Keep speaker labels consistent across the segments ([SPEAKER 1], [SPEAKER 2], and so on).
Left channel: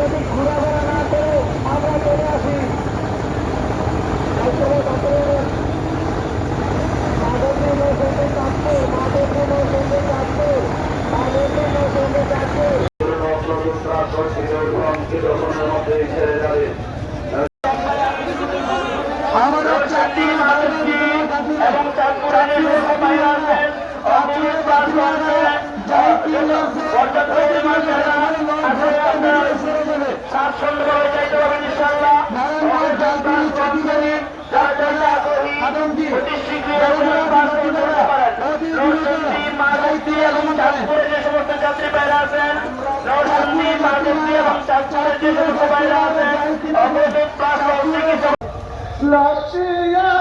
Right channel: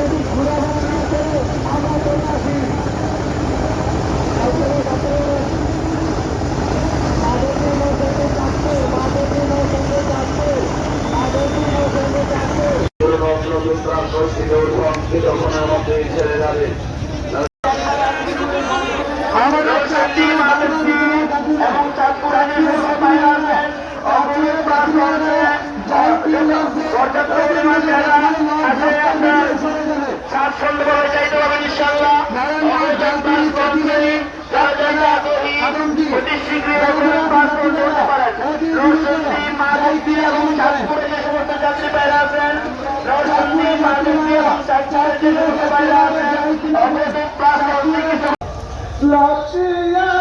[SPEAKER 1] যদি ঘোরাফেরা না করে আমরা চলে আসি। কালকে কাপড় মাধবী নৌসেন্দ্রে চাঁদপুর মাধবী নৌসেন্দ্রে চাঁদপুর মাধবী নৌসেন্দ্র চাঁদপুর
[SPEAKER 2] সমস্ত
[SPEAKER 1] नॉर्थ लक्ष्य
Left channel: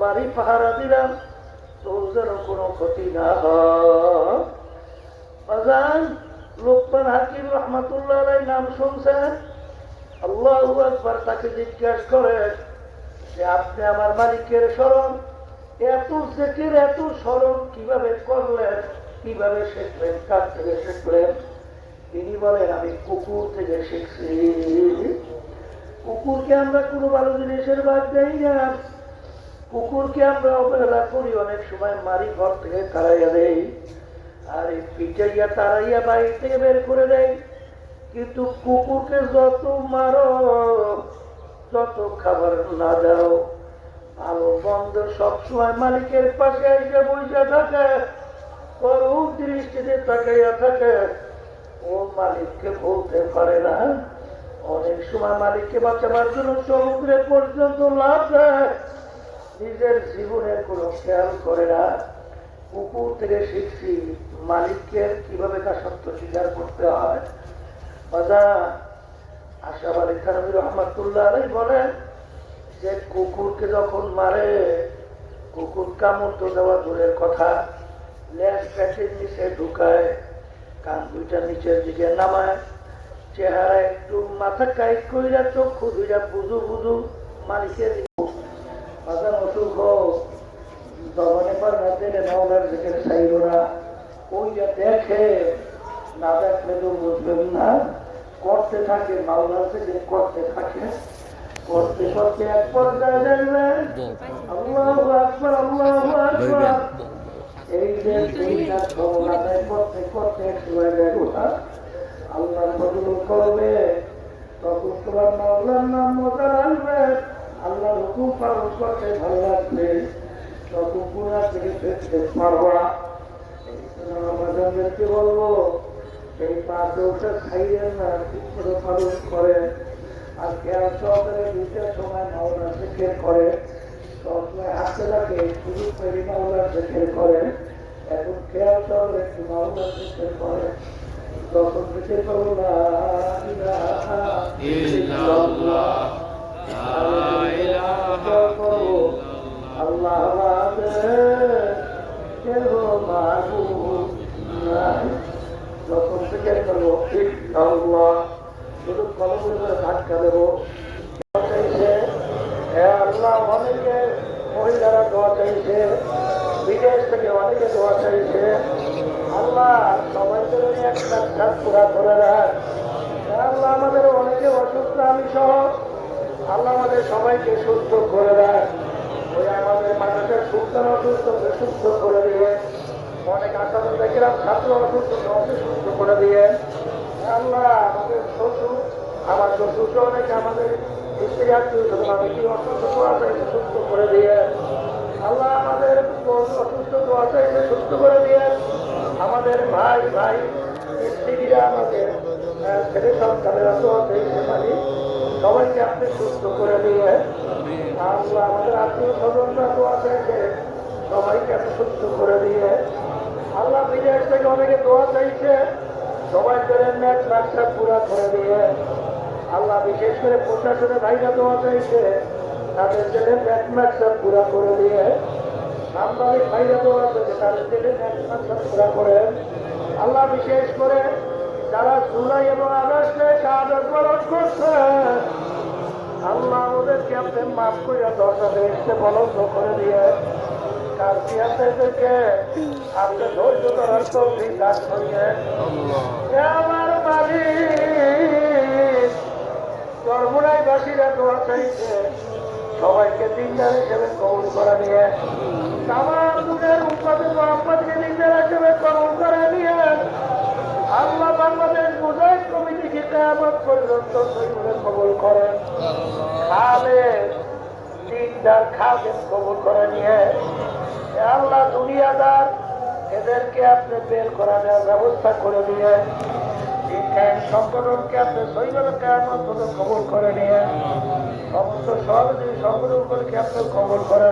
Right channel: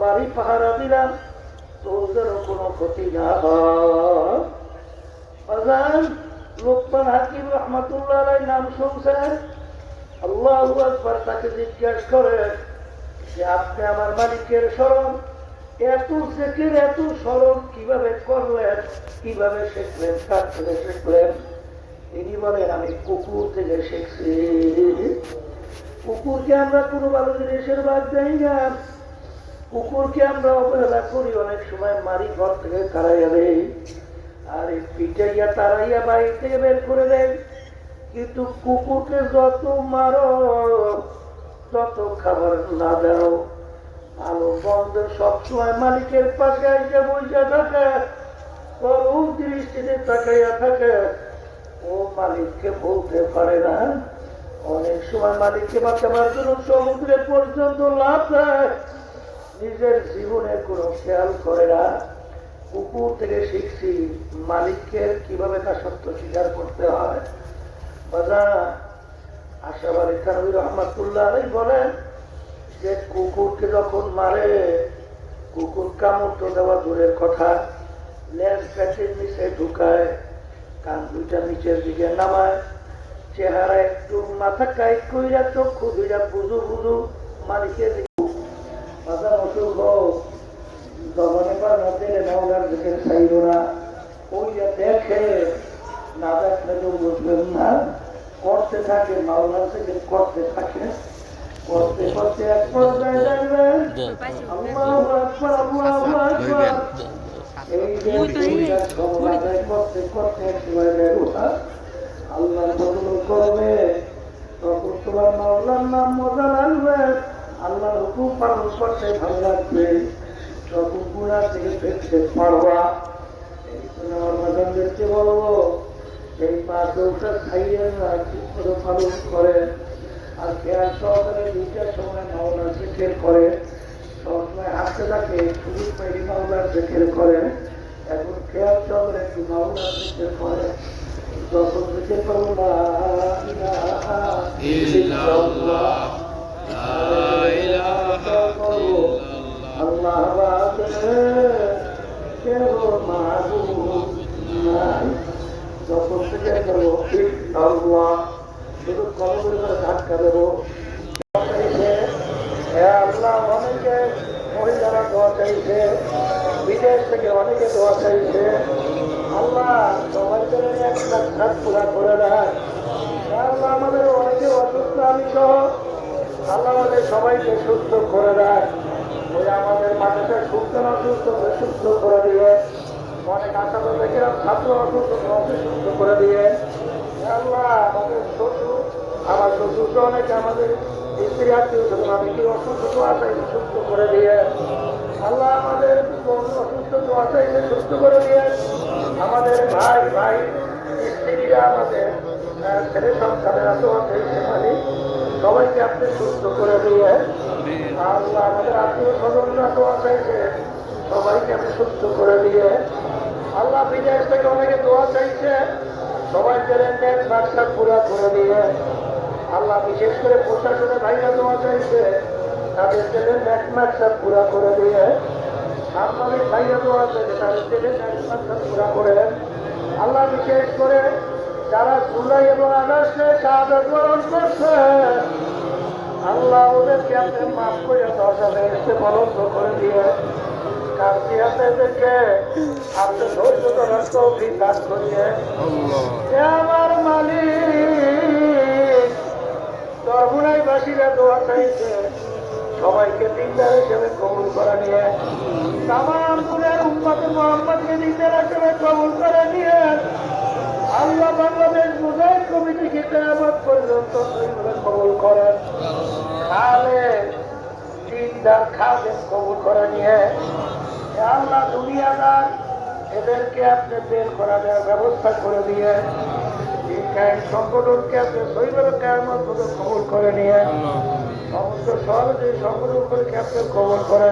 [SPEAKER 1] বাড়ি পাহারা দিলাম তোর যেন কোনো ক্ষতি না হয় বাজান লোকমান হাকিম রহমতুল্লাহ নাম শুনছেন? আল্লাহ আকবার তাকে জিজ্ঞাসা করে যে, আপনি আমার মালিকের স্মরণ? এত জেকের, এত স্মরণ কীভাবে করলেন? কীভাবে শিখলেন? কার থেকে শিখলেন? তিনি বলেন, আমি কুকুর থেকে শিখছি। কুকুরকে আমরা কোনো ভালো জিনিসের বাদ দেই না। কুকুরকে আমরা অবহেলা করি, অনেক সময় মারি ঘর থেকে তাড়াইয়া দেই। আর এই পিটাইয়া তাড়াইয়া বাইরে থেকে বের করে দেয়। কিন্তু কুকুরকে যত মারো যত খাবার না দাও। ভালো বন্ধ সবসময় মালিকের পাশে এসে বসে থাকে। করুণ দৃষ্টিতে তাকাইয়া থাকে। ও মালিককে বলতে পারে না। অনেক সময় মালিককে বাঁচাবার জন্য সমুদ্রে পর্যন্ত লাভ নিজের জীবনের কোনো খেয়াল করে না। কুকুর থেকে শিখছি মালিককে কীভাবে তার সত্য স্বীকার করতে হয়? বাজা আশাবাদ ইসলামী রহমতুল্লাহ আলাই বলেন যে কুকুরকে যখন মারে, কুকুর কামড় দেওয়া দূরের কথা। লেজ প্যাচের নিচে ঢুকায়, কান দুইটা নিচের দিকে নামায়। চেহারা একটু মাথা কাইট কইরা চক্ষু দুইটা বুঝু বুঝু মালিকের বাজার অসুখ হোক জবানে পর মধ্যে মাওলার দিকে চাইব না। ওইটা দেখে না দেখলে তো বুঝবেন না করতে থাকে মাওলার থেকে করতে থাকে। করতে করতে এক পর্যায়ে দেখবেন আল্লাহু আকবার, আল্লাহু আকবার। এই যে দুইটা খবর আদায় করতে করতে সময় গেল আল্লাহ বদল করবে তখন তোমার মাওলার নাম মজা লাগবে। আল্লাহ হুকুম পালন করতে ভালো লাগবে। তখন পুরা থেকে ফেরতে পারবা আমার বাজানদেরকে বলব সেই পাঁচ দৌড়টা খাইয়েন না ঠিক করে পালন করেন আর খেয়াল সহকারে দুইটার সময় মাওলার জেকের করে। সবসময় হাসতে থাকে, খুবই তৈরি মাওলার জেকের করে। এখন খেয়াল সহকারে একটু মাওলার জেকের করে। যখন দিতে পারব না ইলাহা ইল্লাল্লাহ আল্লাহ আমাকে কেন আল্লাহ শুধু কলমের করে ধাক্কা দেবো আল্লাহ অনেকে মহিলারা দোয়া চাইছে বিদেশ থেকে অনেকে দোয়া চাইছে আল্লাহ সবার জন্য একটা কাজ করে দেয় আল্লাহ অসুস্থ, আমি সহ। আল্লাহ সবাইকে সুস্থ করে দেয়। ওই আমাদের মাথাটা সুস্থ না সুস্থ সুস্থ করে দিয়ে। অনেক আশাবাদ দেখলাম ছাত্র অসুস্থ সুস্থ করে দিয়ে। আমাদের শ্বশুরকে অনেক অসুস্থ আছে সুস্থ করে দিয়ে। আল্লাহ আমাদের অসুস্থ দোয়া চাইলে সুস্থ করে দিয়ে। আমাদের ভাই ভাই, স্ত্রীরা আমাদের সবাইকে আপনি সুস্থ করে দিয়ে আমাদের আত্মীয় স্বজনরা সবাইকে আপনি সুস্থ করে দিয়ে আল্লাহ বিদেশ থেকে অনেকে দোয়া চাইছে সবাইকে পুরা করে দিয়ে বিশেষ করে পুরা করে দিয়ে পুরা আল্লাহ বিশেষ করে যারা জুলাই এবং আগস্টে কাজ গ্রহণ করছে। আল্লাহ ওদেরকে আপনি মাফ করে দরজা এসে বলো করে দিয়ে কালকিয়াদেরকে আপনি ধৈর্য ধরার দান করিয়ে। কেয়ামত পর্যন্ত কবুল করেন খালে দিনদার খাদেন কবুল করে নিয়ে আল্লাহ দুনিয়াদার এদেরকে আপনি বের করা দেওয়ার ব্যবস্থা করে দিয়ে সংগঠনকে আপনি সৈন্যর পর্যন্ত কবুল করে নিয়ে, সমস্ত সহযোগী সংগঠনগুলোকে আপনি কবুল করে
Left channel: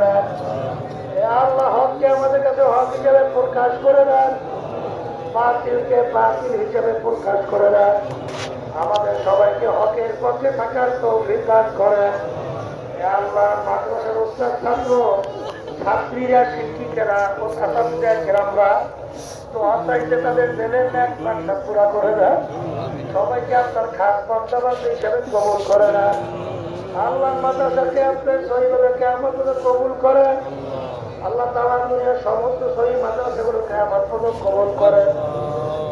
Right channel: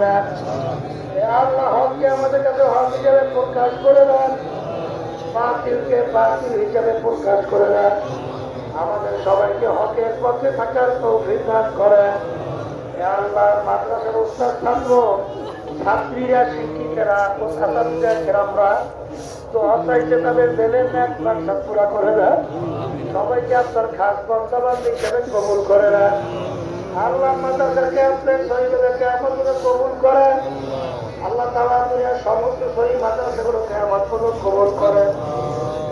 [SPEAKER 1] হককে আমাদের কাছে হক হিসেবে প্রকাশ করে দেন, বাতিলকে বাতিল হিসেবে প্রকাশ করে দেন। আমাদের সবাইকে হকের পক্ষে থাকার তৌফিক দান করেন। আল্লাহ মাদ্রাসার উস্তাদ ছাত্র, ছাত্রীরা, শিক্ষিকেরা গ্রামরা, তো তাদের পুরা করে সবাইকে কবুল করে দেন আল্লাহ দুনিয়ার সমস্ত শহীদ মাদ্রাসাগুলোকে আমার কবুল করেন।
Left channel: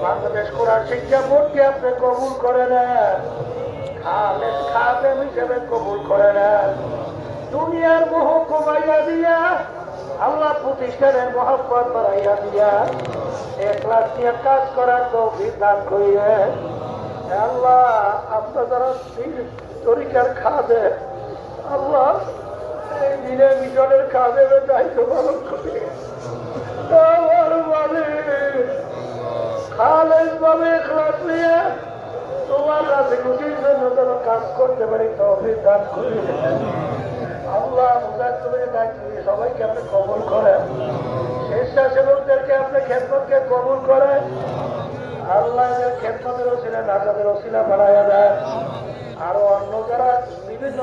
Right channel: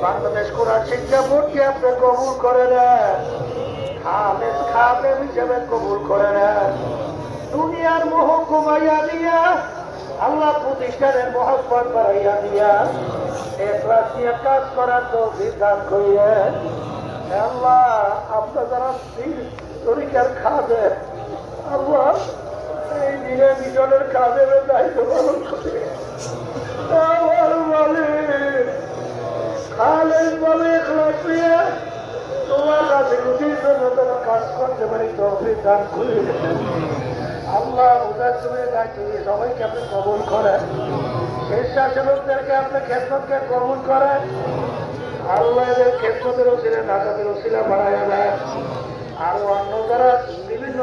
[SPEAKER 1] বাংলাদেশ কোরআন শিক্ষা বোর্ডকে আপনি কবুল করে নেন। খালেদ খাদেম হিসেবে কবুল করে নেন। দুনিয়ার মোহ কমাইয়া দিয়া, আল্লাহ প্রতিষ্ঠানের মহাব্বত বাড়াইয়া দিয়া একলাস নিয়ে কাজ করার তো বিধান করিয়ে আল্লাহ আপনার যারা তরিকার খাদে আল্লাহ, এই দিনে বিজনের কাজের দায়িত্ব পালন করে। ভাবে এখলাস নিয়ে তোমার গুটির জন্য তারা কাজ করতে পারি তহবিল দান করি আল্লাহ তুমি দায়িত্ব সবাইকে আপনি কবুল করেন। স্বেচ্ছাসেবকদেরকে আপনি খেদমতকে কবুল করেন। আল্লাহ এদের খেদমতের ওসিলা নাজাদের ওসিলা বাড়াইয়া দেয় আরও অন্য যারা বিভিন্ন